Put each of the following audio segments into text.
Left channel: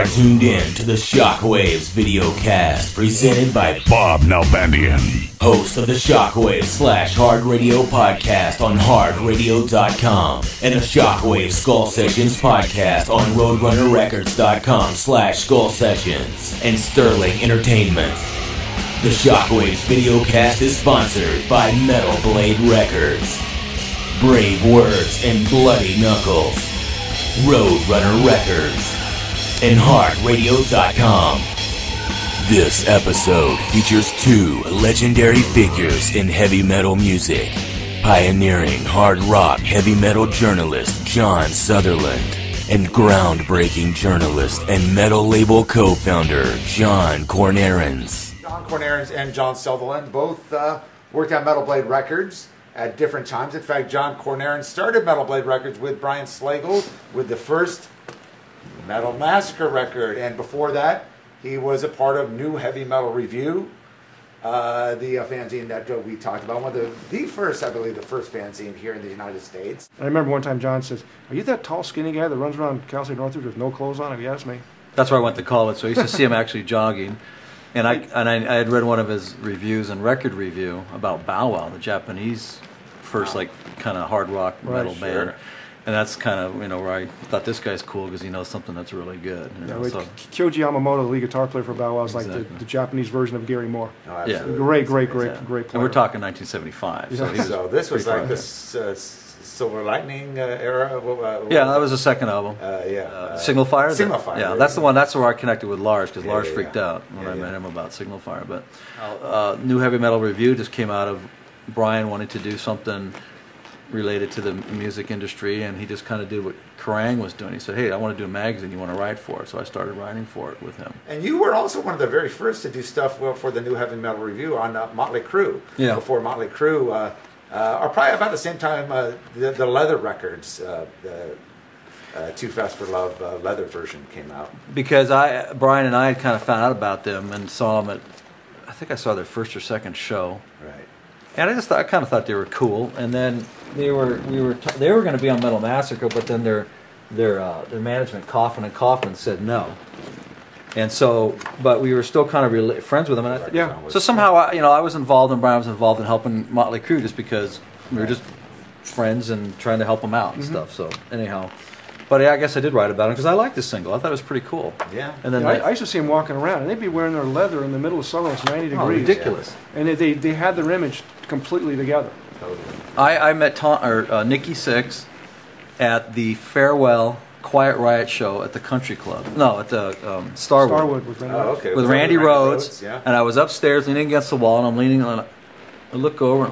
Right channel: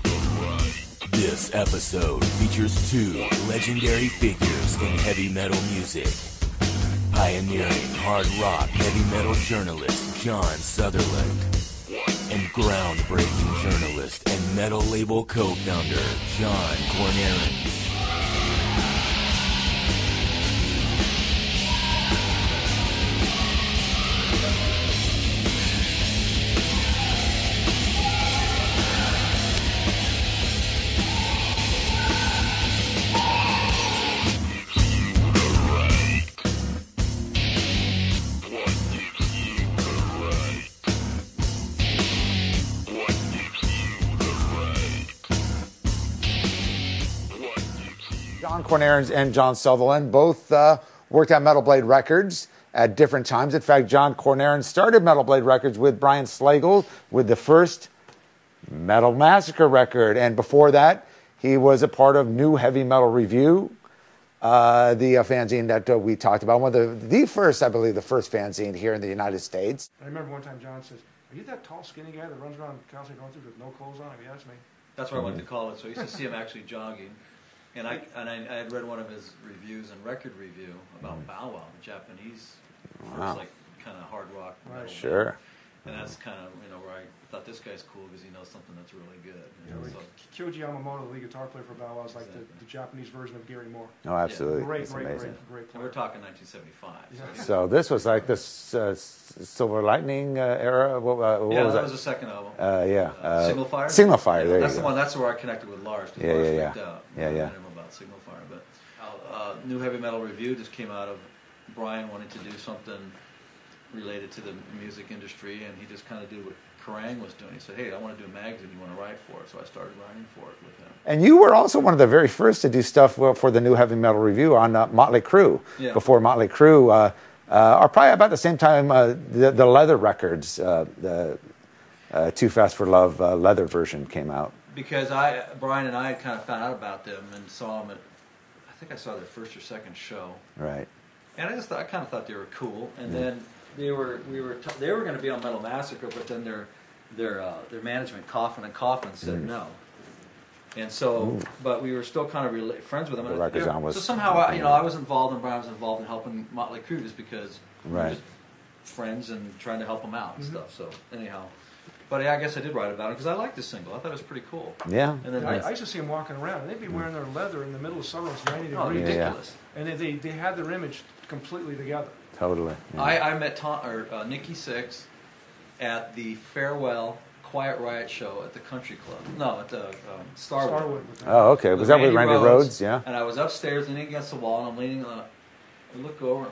are tuned in to the SHOCKWAVES VideoCast, presented by Bob Nalbandian, host of the SHOCKWAVES / Hard Radio podcast on hardradio.com, and the SHOCKWAVES Skull Sessions podcast on roadrunnerrecords.com / Skull Sessions, and Sterling Entertainment. The SHOCKWAVES VideoCast is sponsored by Metal Blade Records, Brave Words and Bloody Knuckles, Roadrunner Records, and hardradio.com. This episode features two legendary figures in heavy metal music, pioneering hard rock heavy metal journalist John Sutherland and groundbreaking journalist and metal label co-founder John Kornarens. John Kornarens and John Sutherland both worked at Metal Blade Records at different times. In fact, John Kornarens started Metal Blade Records with Brian Slagle with the first Metal Massacre record, and before that, he was a part of New Heavy Metal Review, the fanzine that we talked about. One of the first, I believe, the first fanzine here in the United States. I remember one time John says, "Are you that tall, skinny guy that runs around Cal State Northridge with no clothes on?" If you ask me. That's where I went to college, so I used to see him actually jogging. And I had read one of his reviews and record review about Bow Wow, the Japanese first kind of hard rock metal band. And that's kind of, where I thought this guy's cool because he knows something that's really good. Kyoji Yamamoto, the lead guitar player for Bow Wow, is like the Japanese version of Gary Moore. Oh, absolutely. Great player. And we're talking 1975. Yeah. So this was like this Silver Lightning era? Yeah, that was the second album. Signal Fire? Signal Fire. Yeah, that's the one. That's where I connected with Lars, because Lars freaked out when I met him about Signal Fire. But New Heavy Metal Review just came out of Brian wanting to do something related to the music industry, and he just kind of did what Kerrang was doing. He said, "Hey, I want to do a magazine. You want to write for it?" So I started writing for it with him. And you were also one of the very first to do stuff for the New Heavy Metal Review on Motley Crue. Yeah. Before Motley Crue, or probably about the same time the Leather records, the Too Fast for Love Leather version came out. Because Brian and I had kind of found out about them and saw them at, I think I saw their first or second show. Right. And I kind of thought they were cool. And then they were going to be on Metal Massacre, but then their management, Kaufman said no. And so, but we were still kind of friends with them. And so somehow, I was involved, and Brian was involved in helping Motley Crue, just because we were just friends and trying to help them out and stuff. So anyhow, but I guess I did write about them because I liked the single. I thought it was pretty cool. Yeah. And then I used to see them walking around, and they'd be wearing their leather in the middle of summer. It's 90 degrees. Ridiculous. And they had their image completely together. Totally. I met Nikki Sixx at the farewell Quiet Riot show at the Country Club. No, at the Starwood. With with Randy Rhoads. Yeah. And I was upstairs leaning against the wall, and I'm leaning on it. I look over.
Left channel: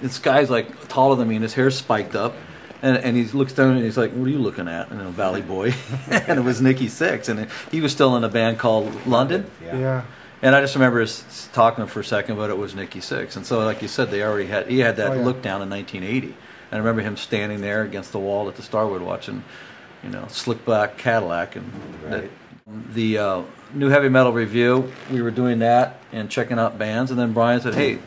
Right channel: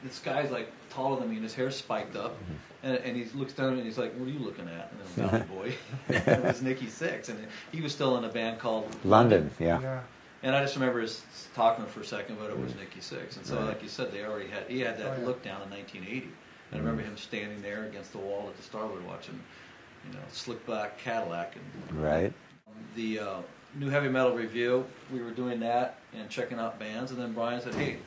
This guy's like taller than me, and his hair's spiked up. And he looks down and he's like, "What are you looking at?" And Valley Boy. And it was Nikki Sixx, and he was still in a band called London. Yeah. And I just remember talking to him for a second, but it was Nikki Sixx. And so, like you said, he had that look down in 1980. And I remember him standing there against the wall at the Starwood watching, Slick Black Cadillac. And the New Heavy Metal Review, we were doing that and checking out bands. And then Brian said, "Hey,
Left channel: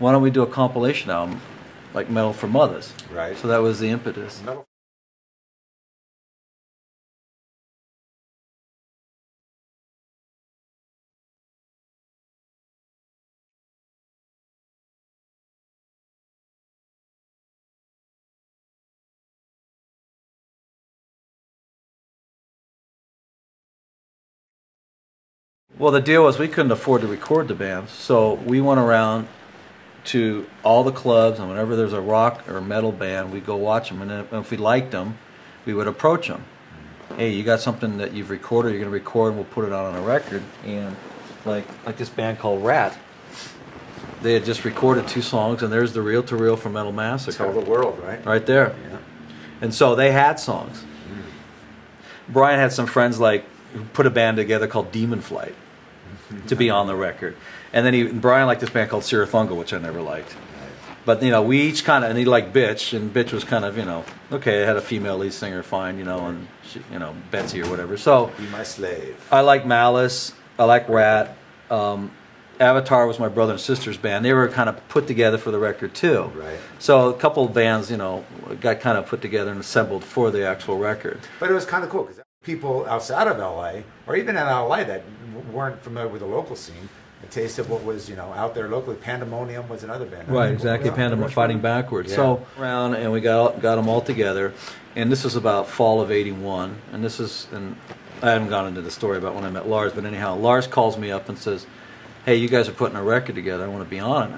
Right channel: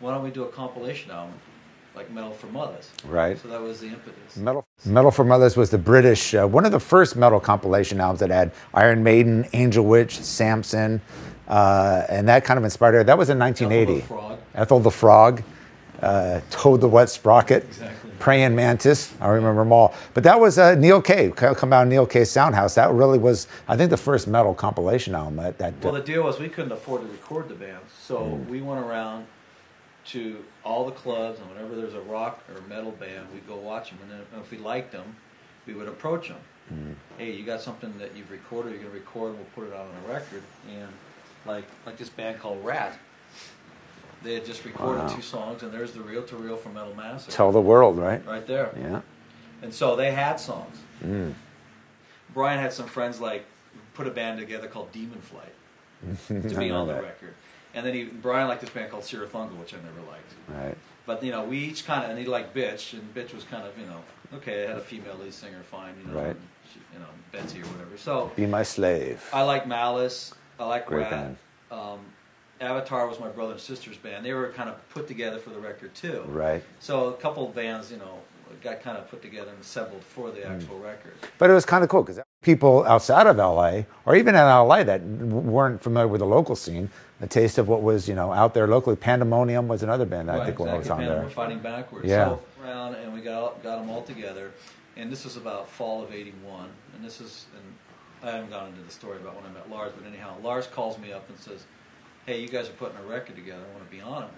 why don't we do a compilation album like Metal for Mothers?" Right. So that was the impetus. Metal for Mothers was the British, one of the first metal compilation albums that had Iron Maiden, Angel Witch, Samson, and that kind of inspired her. That was in 1980. Ethel the Frog, Toad the Wet Sprocket, Praying Mantis. I remember them all. But that was Neil Kay, come out of Neil Kay's Soundhouse. That really was, I think, the first metal compilation album. Well, the deal was we couldn't afford to record the bands, so we went around to all the clubs, and whenever there's a rock or metal band, we'd go watch them, and then if we liked them, we would approach them. Hey, you got something that you've recorded, you're going to record, and we'll put it out on a record. And like this band called Rat, they had just recorded 2 songs, and there's the reel-to-reel for Metal Massacre. Tell the world, right? Right there. Yeah. And so they had songs. Brian had some friends who put a band together called Demon Flight to be on the record. And then Brian liked this band called Sirathunga, which I never liked. Right. But, we each kind of, and he liked Bitch, and Bitch was kind of, okay, it had a female lead singer, fine, and, she, Betsy or whatever. So, Be My Slave. I like Malice, I like Rat. Avatar was my brother and sister's band. They were kind of put together for the record, too. Right. So, a couple of bands, got kind of put together and assembled for the actual record. But it was kind of cool, because people outside of LA, or even in LA that weren't familiar with the local scene, a taste of what was, out there locally. Pandemonium was another band. Right, exactly. Pandemonium, Fighting Backwards. Yeah. So around, and we got them all together, and this was about fall of '81, and I haven't gone into the story about when I met Lars, but anyhow, Lars calls me up and says, "Hey, you guys are putting a record together. I want to be on it."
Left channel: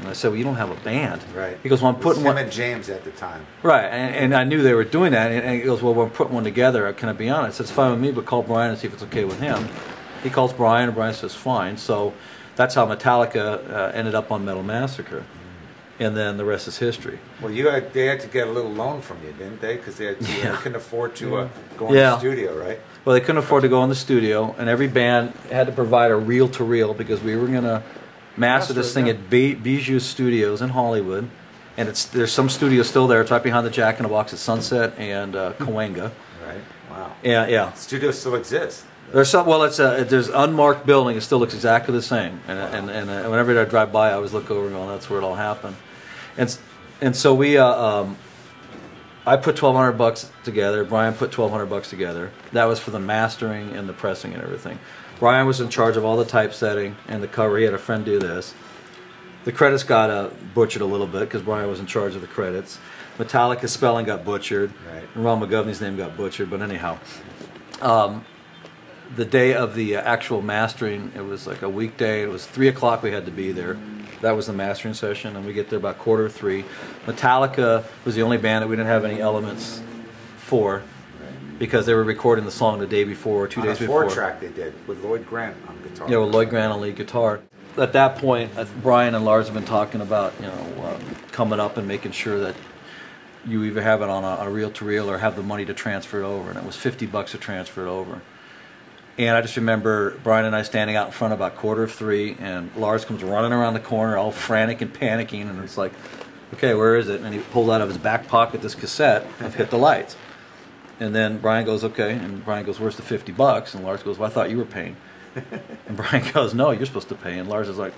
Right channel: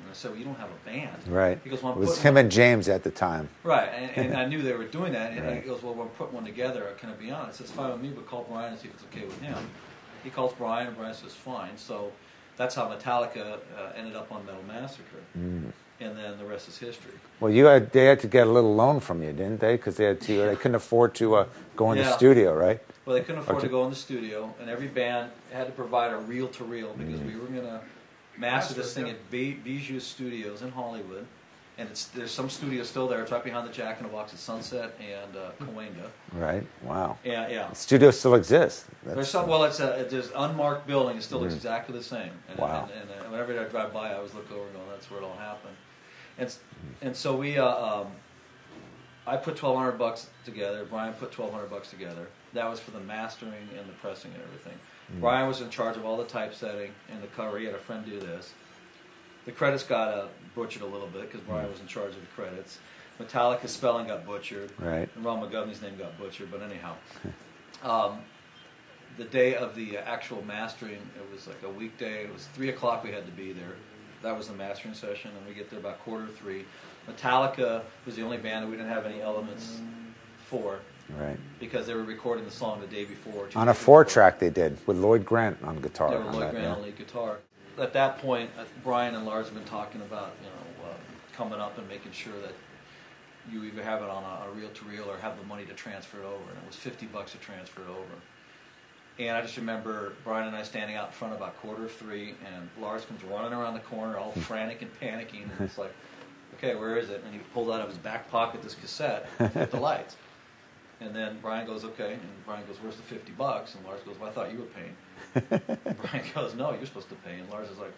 And I said, "Well, you don't have a band." Right. He goes, "Well, I'm it was putting him one." and James at the time. Right, and I knew they were doing that, and he goes, "Well, we're putting one together. Can I be on it?" I said, "It's fine with me, but call Brian and see if it's okay with him." He calls Brian, and Brian says, "Fine." So that's how Metallica ended up on Metal Massacre. And then the rest is history. Well, they had to get a little loan from you, didn't they? Because they couldn't afford to go in Yeah. the studio, right? Well, they couldn't afford to go in the studio, and every band had to provide a reel-to-reel because we were going to master this thing at Bijou Studios in Hollywood. And there's some studios still there. It's right behind the Jack in the Box at Sunset and Cahuenga. Right. Wow. Yeah. Studios still exist. There's some. Well, there's unmarked building. It still looks exactly the same. And whenever I drive by, I always look over and go, "That's where it all happened." And so we, I put $1,200 together. Brian put $1,200 together. That was for the mastering and the pressing and everything. Brian was in charge of all the typesetting and the cover. He had a friend do this. The credits got butchered a little bit because Brian was in charge of the credits. Metallica's spelling got butchered. Right. And Ron McGovney's name got butchered. But anyhow, the day of the actual mastering, it was like a weekday. It was 3 o'clock. We had to be there. That was the mastering session, and we get there about 2:45. Metallica was the only band that we didn't have any elements for, Right. because they were recording the song the day before, 2 On days a before. 4-track they did with Lloyd Grant on guitar. Yeah, with Lloyd Grant on lead guitar. At that point, Brian and Lars have been talking about coming up and making sure that you either have it on a reel-to-reel or have the money to transfer it over, and it was $50 to transfer it over. And I just remember Brian and I standing out in front about 2:45, and Lars comes running around the corner all frantic and panicking, and it's like, "Okay, where is it?" And he pulled out of his back pocket this cassette of Hit the Lights. And then Brian goes, "Okay," and Brian goes, "Where's the $50?" And Lars goes, "Well, I thought you were paying." And Brian goes, "No, you're supposed to pay." And Lars is like,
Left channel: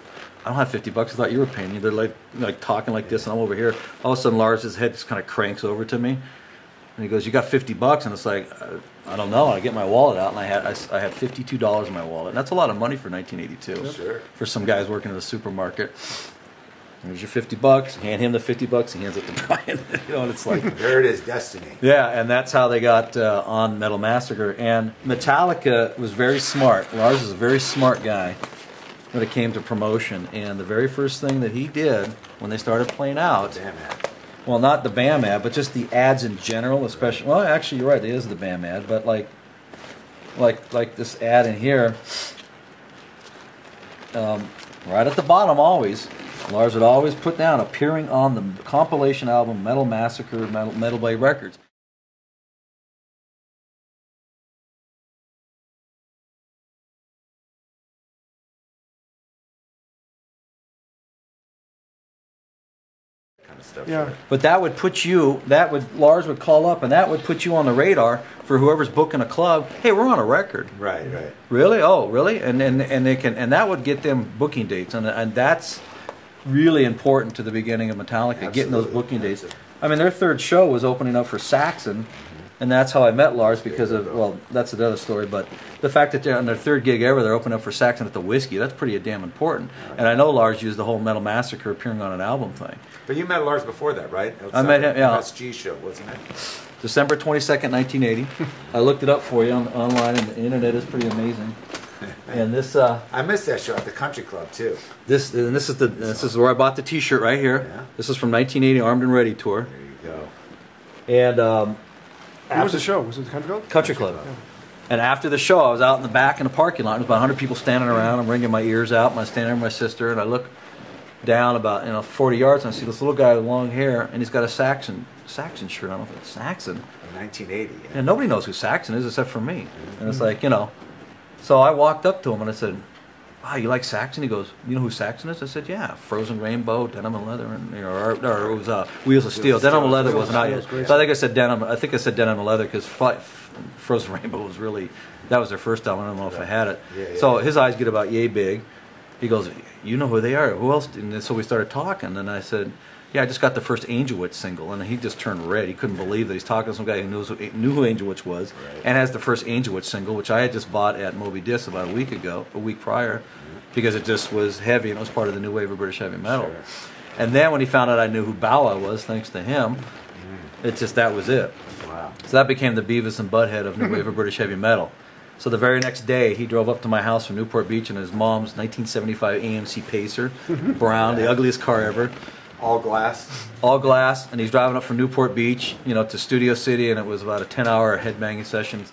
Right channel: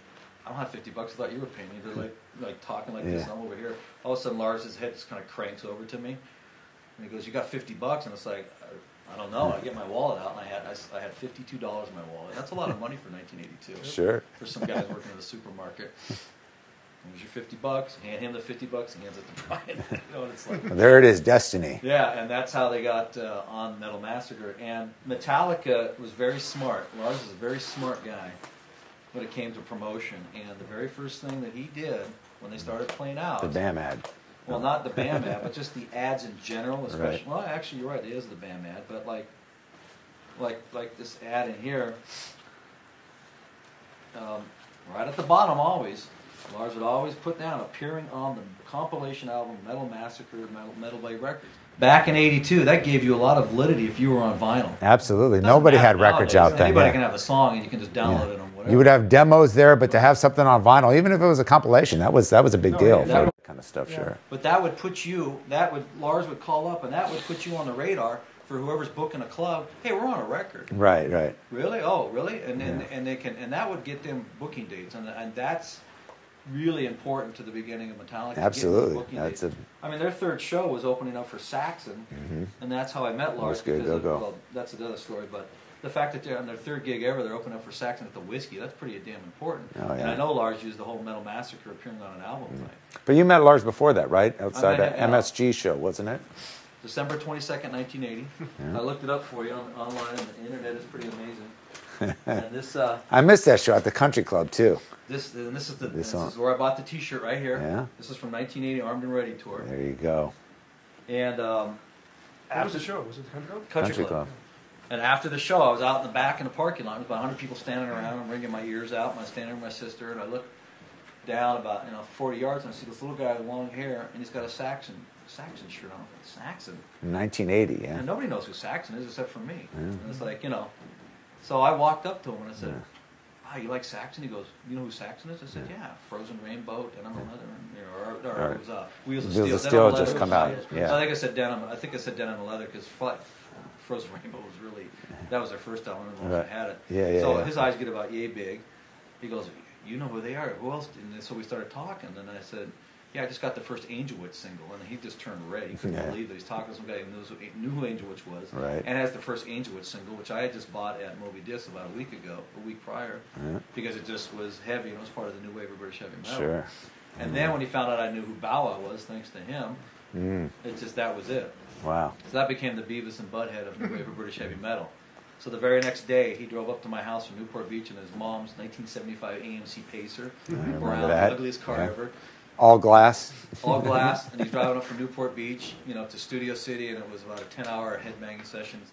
"I don't have $50. I thought you were paying." They're like talking like this, and I'm over here. All of a sudden, Lars' head just kind of cranks over to me, and he goes, "You got $50?" And it's like, I don't know. And I get my wallet out, and I had $52 in my wallet. And that's a lot of money for 1982. Sure. For some guys working in a supermarket. Here's your $50. Hand him the $50. He hands it to Brian. And it's like, there it is, destiny. yeah. And that's how they got on Metal Massacre. And Metallica was very smart. Lars is a very smart guy when it came to promotion. And the very first thing that he did when they started playing out, The BAM ad. well, not the BAM ad, but just the ads in general, especially. Right. Well, actually, you're right. It is the BAM ad, but like this ad in here, right at the bottom, always. Lars would always put down appearing on the compilation album Metal Massacre, Metal Blade Records. Back in '82, that gave you a lot of validity if you were on vinyl. Absolutely. Nobody had records out then. Anybody Yeah. can have a song, and you can just download it on whatever. You would have demos there, but to have something on vinyl, even if it was a compilation, that was a big deal. For that kind of stuff. Yeah. Sure. But that would put you, Lars would call up, and that would put you on the radar for whoever's booking a club. Hey, we're on a record. Right. Right. Really? Oh, really? And they can, and that would get them booking dates, and that's really important to the beginning of Metallica, getting those Absolutely. booking dates. That's I mean, their third show was opening up for Saxon, and that's how I met Lars because you of, go. well, that's another story, but the fact that they're on their third gig ever, they're opening up for Saxon at the Whiskey, that's pretty damn important. Oh, yeah. And I know Lars used the whole Metal Massacre appearing on an album thing. But you met Lars before that, right? Outside met him, the yeah. MSG show, wasn't it? December 22nd, 1980. I looked it up for you online, and the internet is pretty amazing. And this, I missed that show at the Country Club too. this is where I bought the T-shirt right here. Yeah. This is from 1980 Armed and Ready tour. There you go. And Where was the show? Was it the Country Club? Country Club. And after the show, I was out in the back in the parking lot. There was about 100 people standing around. I'm wringing my ears out. And I'm standing there with my sister, and I look down about 40 yards, and I see this little guy with long hair, and he's got a Saxon shirt. I don't know if it's Saxon. In 1980. Yeah. And nobody knows who Saxon is except for me. And it's like, So I walked up to him and I said, "Wow, you like Saxon?" He goes, "You know who Saxon is?" I said, "Yeah, Frozen Rainbow, Denim and Leather, and or it was Wheels of Steel. Denim and Leather was not yet. Yeah. So I think I said Denim and Leather because Frozen Rainbow was really, that was their first album. I don't know if I had it. Yeah, so yeah. his eyes get about yay big. He goes, "You know who they are? Who else?" And so we started talking, and I said, yeah, I just got the first Angel Witch single, and he just turned red. He couldn't believe that he's talking to some guy who knew who Angel Witch was, and has the first Angel Witch single, which I had just bought at Moby Disc about a week prior, because it just was heavy and it was part of the new wave of British heavy metal. Sure. And then when he found out I knew who Bow Wow was, thanks to him, that was it. Wow. So that became the Beavis and Butthead of new wave of British heavy metal. So the very next day, he drove up to my house from Newport Beach in his mom's 1975 AMC Pacer, brown, the ugliest car ever. All glass. All glass, and he's driving up from Newport Beach, to Studio City, and it was about a 10-hour headbanging session.